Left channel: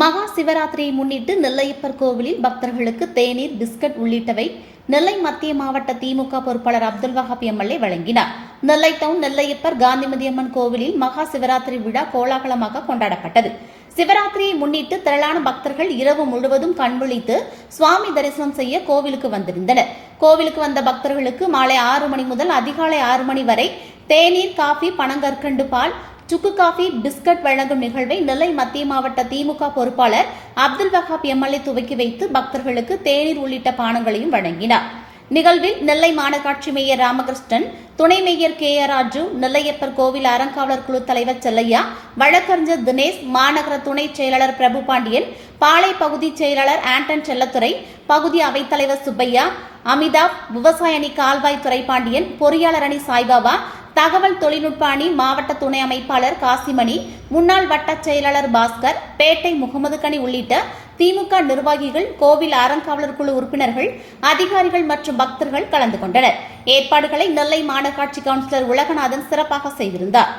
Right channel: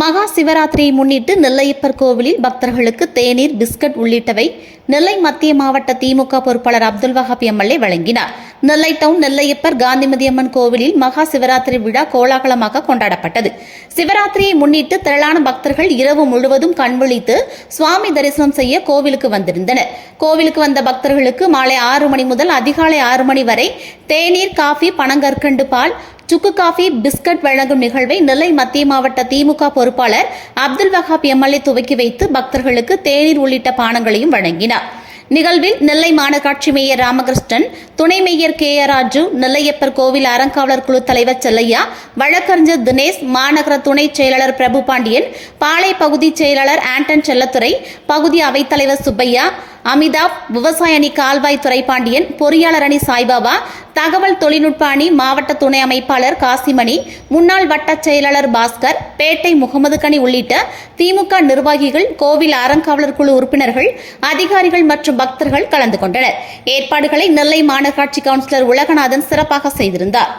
மகா சிவராத்திரியை முன்னிட்டு நெல்லையப்பர் கோவிலில் பக்தர்களுக்கு தேநீர், பிஸ்கட் உள்ளிட்டவை நெல்லை மத்திய மாவட்ட திமுக பொறுப்பாளர் அப்துல் வஹாப் எம்எல்ஏ வழங்கினார். நெல்லை டவுன் நெல்லையப்பர் காந்திமதி அம்மன் கோவிலில் மகா சிவராத்திரி விழா கோலாகலமாக கொண்டாடப்பட்டது. சிவராத்திரியை முன்னிட்டு திரளான பக்தர்கள் இரவு முழுவதும் கண்விழித்து சுவாமி தரிசனம் செய்ய கோவிலுக்கு வந்திருந்தனர். கோவிலுக்கு வந்த பக்தர்களுக்கு மாலை 6 மணி முதல் அதிகாலை 6 மணி வரை தேநீர், காஃபி, பனங்கற்கண்டு பால், சுக்கு காஃபி, பிஸ்கட் வழங்கும் நிகழ்வை நெல்லை மத்திய மாவட்ட திமுக பொறுப்பாளர் அப்துல் வஹாப் எம்எல்ஏ துவக்கி வைத்து பக்தர்களுக்கு தேநீர் உள்ளிட்ட பானங்களையும் வழங்கினார். நிகழ்வில் நெல்லை மாநகராட்சி மேயர் ராமகிருஷ்ணன், துணை மேயர் KR ராஜு, நெல்லையப்பர் கோவில் அறங்காவலர் குழு தலைவர் செல்லையா, வழக்கறிஞர் தினேஷ், மாநகர துணை செயலாளர் பிரபு பாண்டியன், பாளை பகுதி செயலாளர் ஆண்டன் செல்லத்துறை, பகுதி அவைத்தலைவர் சுப்பையா, அமிதாப், விவசாய அணி கால்வாய் துரைபாண்டியன், பொறியாளர் அணி சாய்பாபா, தகவல் தொழில்நுட்ப அணி மாவட்ட துணை அமைப்பாளர் காசிமணி, முன்னாள் வட்ட செயலாளர் பாஸ்கர், பேட்டை முகமது கனி உள்ளிட்ட திமுக நிர்வாகிகள், கோவில் அறங்காவலர் குழு உறுப்பினர்கள், அதிகாரிகள் மற்றும் பக்தர்கள் கலந்து கொண்டனர். ஏற்பாடுகளை நெல்லை மாநகராட்சி கவுன்சிலர் உலகநாதன் சிறப்பாக செய்திருந்தார்.